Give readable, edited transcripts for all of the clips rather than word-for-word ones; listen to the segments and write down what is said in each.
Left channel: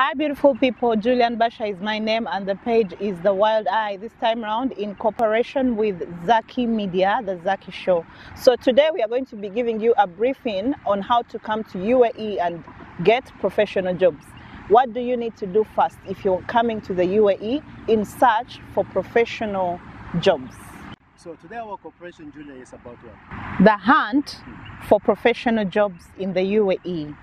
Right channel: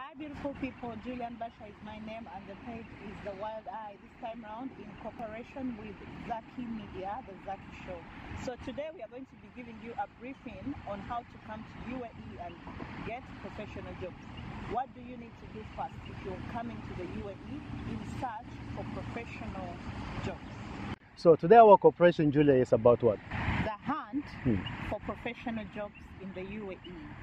Hi beautiful people, Julian Basha is my name and the page is The Wild Eye, this time around in cooperation with Zaki Media, The Zaki Show. So today we are going to be giving you a briefing on how to come to UAE and get professional jobs. What do you need to do first if you're coming to the UAE in search for professional jobs? So today our cooperation, Julia, is about what? The hunt for professional jobs in the UAE.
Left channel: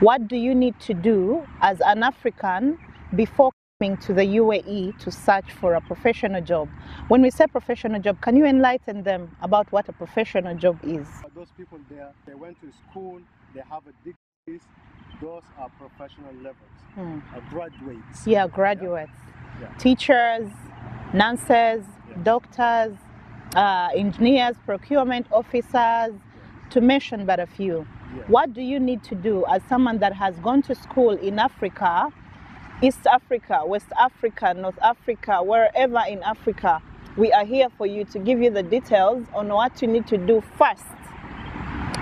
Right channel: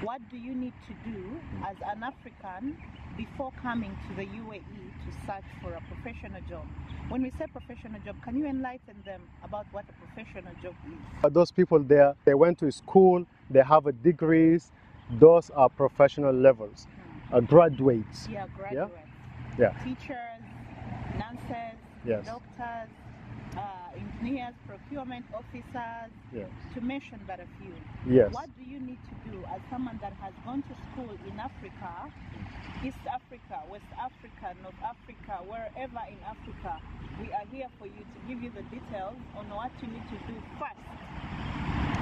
What do you need to do as an African before coming to the UAE to search for a professional job? When we say professional job, can you enlighten them about what a professional job is? Those people there, they went to school, they have degrees, those are professional levels, graduates. Yeah, graduates. Yeah. Teachers, nurses, Yes. doctors, engineers, procurement officers, Yes. to mention but a few. Yes. What do you need to do as someone that has gone to school in Africa, East Africa, West Africa, North Africa, wherever in Africa? We are here for you to give you the details on what you need to do first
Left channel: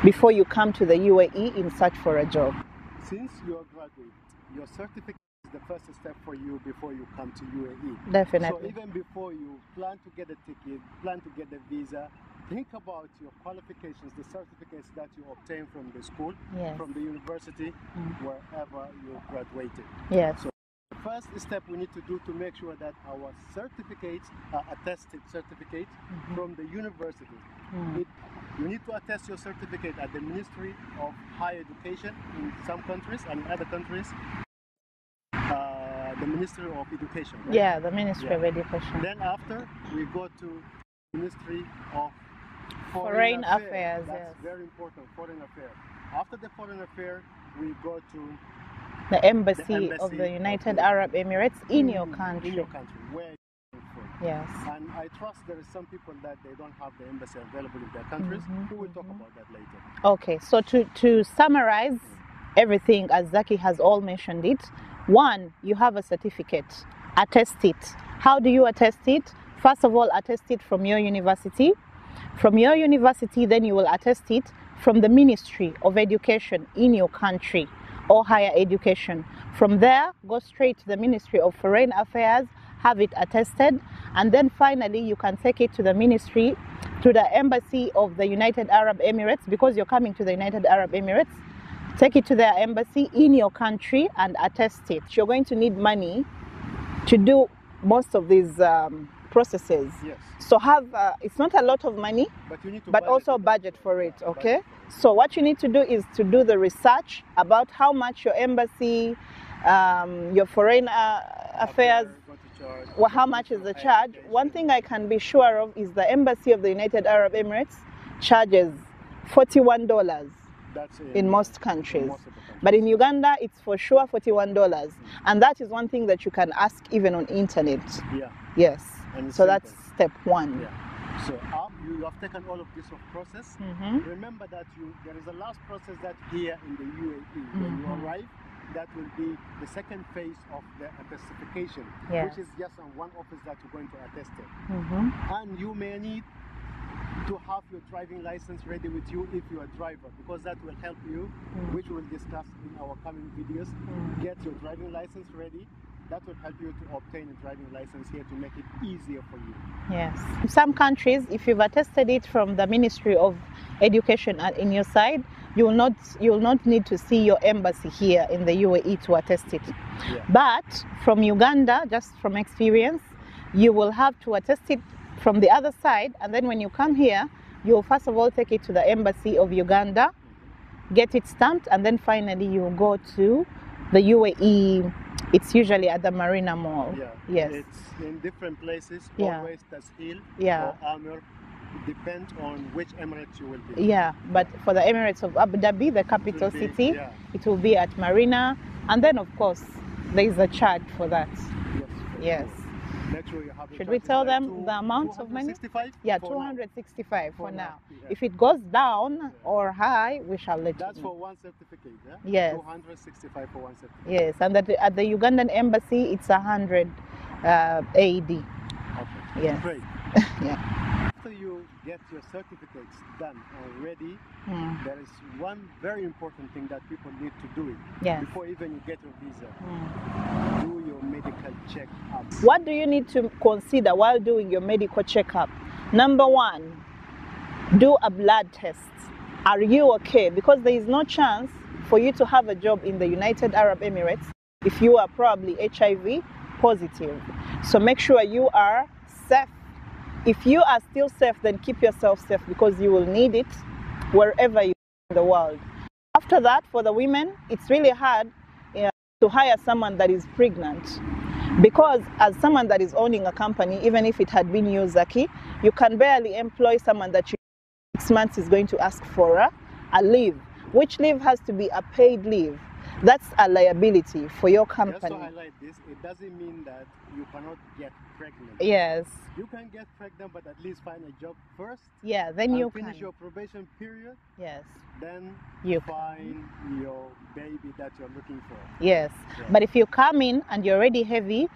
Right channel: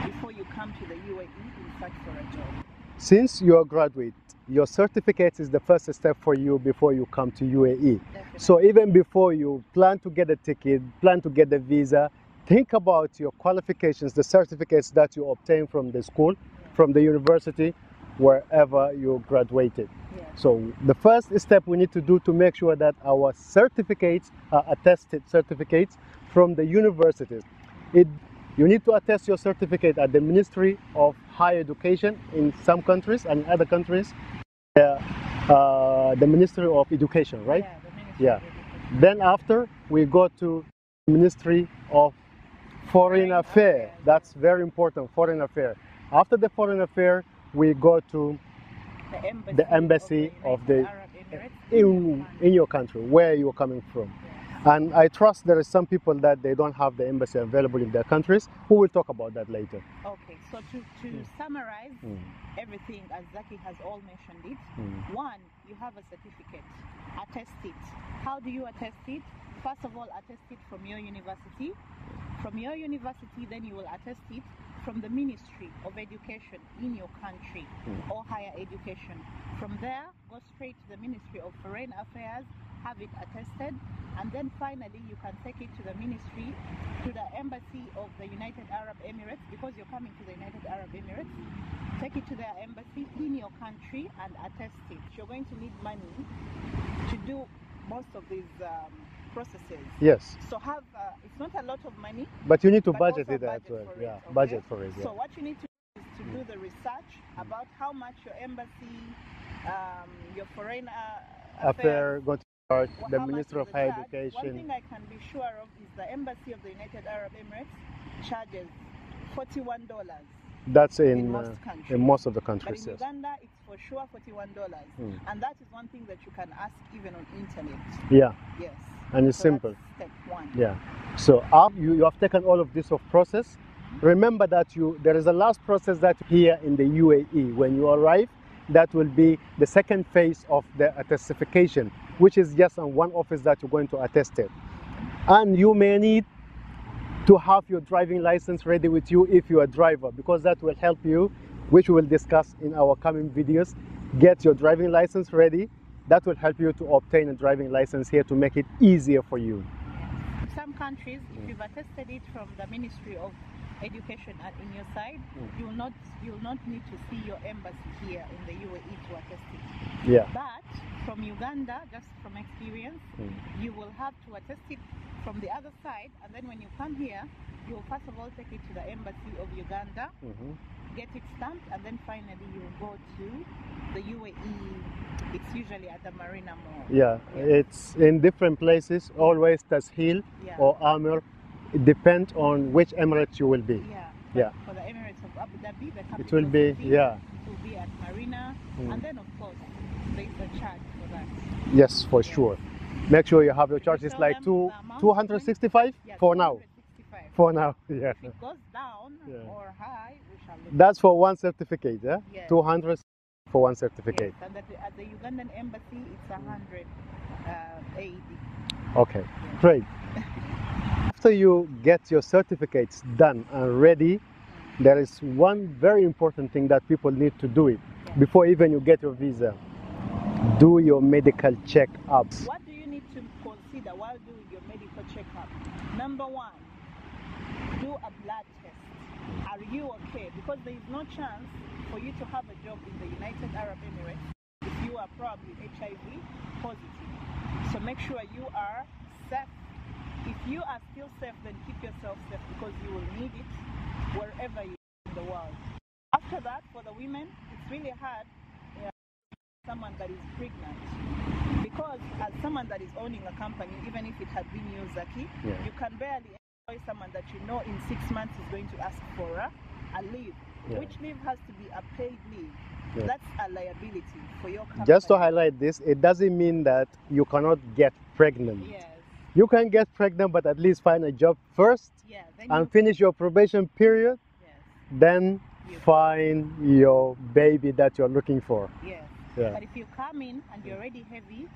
before you come to the UAE in search for a job. Since you're a graduate, your certificate is the first step for you before you come to UAE. Definitely. So even before you plan to get a ticket, plan to get a visa, think about your qualifications, the certificates that you obtain from the school, Yes. from the university, wherever you graduated. Yes. So the first step we need to do to make sure that our certificates are attested certificates from the universities. You need to attest your certificate at the Ministry of Higher Education in some countries, and other countries, the Ministry of Education, right? Yeah, the Ministry of Education. Then after, we go to the Ministry of Foreign Affairs. That's yes. very important, Foreign Affairs. After the Foreign Affairs, we go to the embassy of the of United the- Arab Emirates in your country. In your country, where you're coming from. Yes. And I trust there are some people that they don't have the embassy available in their countries. We will talk about that later. Okay, so to summarize everything, as Zaki has all mentioned it, one, you have a certificate, attest it. How do you attest it? First of all, attest it from your university. From your university, then you will attest it from the Ministry of Education in your country or higher education. From there, go straight to the Ministry of Foreign Affairs, have it attested, and then finally you can take it to the ministry, to the embassy of the United Arab Emirates, because you're coming to the United Arab Emirates. Take it to their embassy in your country and attest it. You're going to need money to do most of these processes. Yes. So it's not a lot of money, But you need to but budget also it as budget well. for it, Yeah, okay? budget for it, So what you need to do is to do the research about how much your embassy, your foreign affairs, going to charge, how much is the charge. One thing I can be sure of is the embassy of the United Arab Emirates charges $41. That's in most countries. In most of the countries. But in Uganda, it's for sure $41. And that is one thing that you can ask even on internet. Yeah. Yes. And it's so simple. that's step one. Yeah. So you have taken all of this process. Remember that there is a last process that here in the UAE. When you arrive, that will be the second phase of the attestification, which is just on one office that you're going to attest it. And you may need to have your driving license ready with you if you're a driver, because that will help you, which we will discuss in our coming videos. Get your driving license ready. That will help you to obtain a driving license here to make it easier for you. Yes. In some countries, if you've attested it from the Ministry of Education in your side, you will not need to see your embassy here in the UAE to attest it. Yeah. But from Uganda, just from experience, you will have to attest it from the other side, and then when you come here, you'll first of all take it to the embassy of Uganda, get it stamped, and then finally you go to the UAE. It's usually at the Marina Mall. Yeah, yes. It's in different places, always Tasheel or Amir. It depends on which Emirates you will be. Yeah, but for the Emirates of Abu Dhabi, the capital city, it will be at Marina, and then of course there is a charge for that. Yes, for sure. Make sure you have the charges like 265? Yeah, for 265 for now. Yeah. If it goes down or high, we shall let That's you for one certificate, yeah? Yes. 265 for one certificate. Yes, and at the Ugandan embassy, it's 100 AED. Okay, yes. Great. Yeah. After you get your certificates done and ready, there is one very important thing that people need to do it before even you get your visa. do your medical checkups. What do you need to consider while doing your medical checkup? Number one, do a blood test. Are you okay? Because there is no chance for you to have a job in the United Arab Emirates if you are probably HIV positive. So make sure you are safe. If you are still safe, then keep yourself safe because you will need it wherever you are in the world. After that, for the women, it's really hard to hire someone that is pregnant. Because as someone that is owning a company, even if it had been you, Zaki, you can barely employ someone that you know in 6 months is going to ask for a leave, which leave has to be a paid leave. That's a liability for your company. Just to highlight this, it doesn't mean that you cannot get pregnant. Yes. You can get pregnant, but at least find a job first. Yeah, then and you finish your probation period. Yes. Then you find your baby that you're looking for. Yes. Yeah. But if you come in and you're already heavy,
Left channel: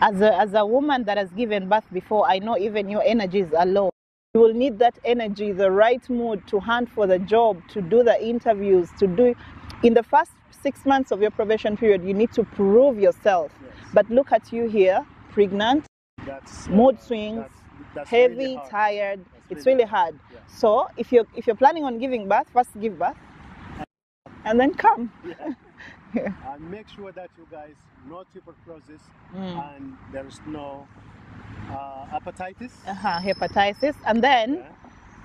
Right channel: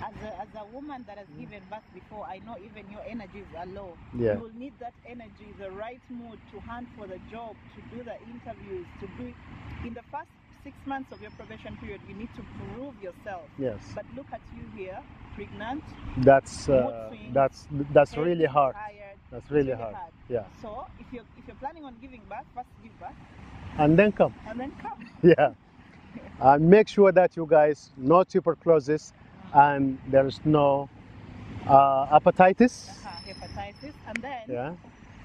as a woman that has given birth before, I know even your energies are low. You will need that energy, the right mood to hunt for the job, to do the interviews, to do. In the first 6 months of your probation period, you need to prove yourself. Yes. But look at you here, pregnant. That's mood swings. That's heavy, really hard. Tired. It's really hard. Yeah. So if you're planning on giving birth, first give birth. And then come. And then come. Yeah. And make sure that you guys no tuberculosis and there is no hepatitis. Hepatitis. And then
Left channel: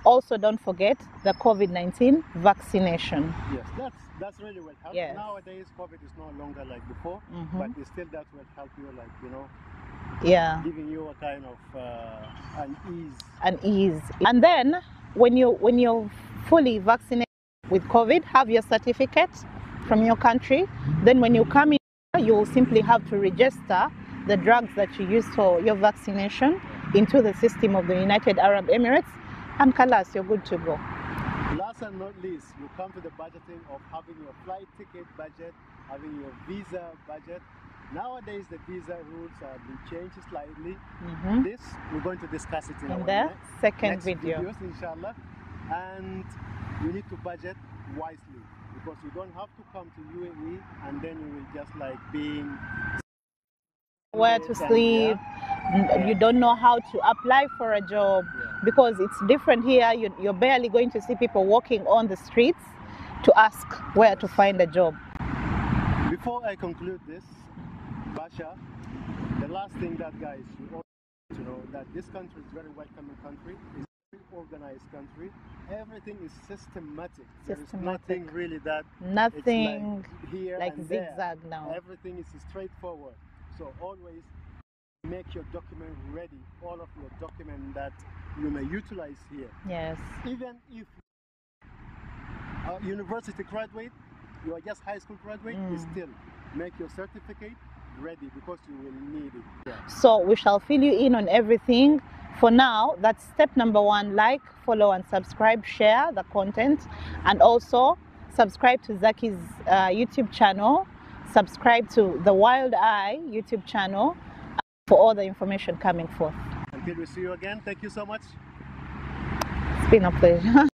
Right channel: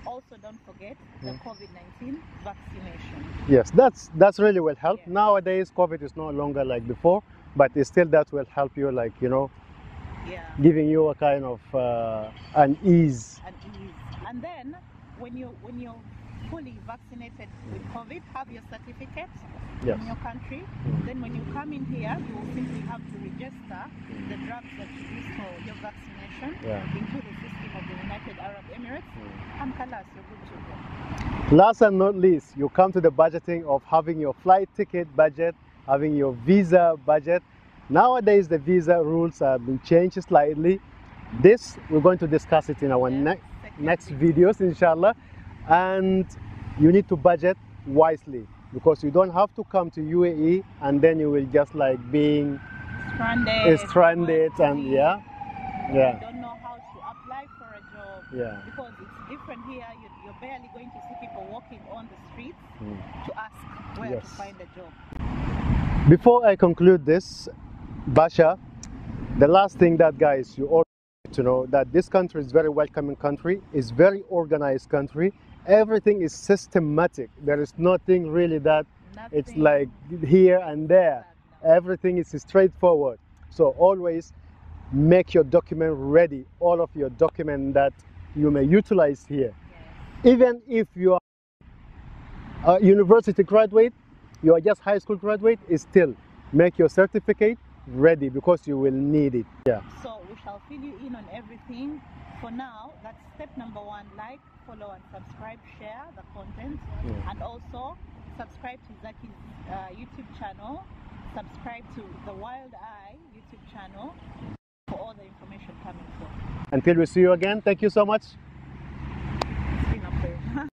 also don't forget the COVID-19 vaccination. Yes, that's really will help. Yes. Nowadays, COVID is no longer like before, but it's still that will help you, like, you know, giving you a kind of an ease. And then when you're fully vaccinated with COVID, have your certificate from your country. Then when you come in here, you will simply have to register the drugs that you use for your vaccination into the system of the United Arab Emirates, and Kalas, you're good to go. Last and not least, you come to the budgeting of having your flight ticket budget, having your visa budget. Nowadays, the visa rules have been changed slightly. This, we're going to discuss it in our next videos, inshallah. And you need to budget wisely because you don't have to come to UAE and then you will just like being stranded where to sleep. You don't know how to apply for a job because it's different here. You're barely going to see people walking on the streets to ask where to find a job. Before I conclude this, Basha, the last thing that, guys, you all need to know that this country is very welcoming country, is very organized country. Everything is systematic. There is nothing really that it's like here and there. Everything is straightforward. So always make your document ready, all of your document that you may utilize here. Yes. Even if you are a university graduate, you are just high school graduate, still make your certificate ready because you will need it. So we shall fill you in on everything. For now, that's step number 1, like, follow and subscribe, share the content, and also subscribe to Zaki's YouTube channel, subscribe to the Wild Eye YouTube channel for all the information coming forth. Until we see you again, thank you so much. It's been a pleasure.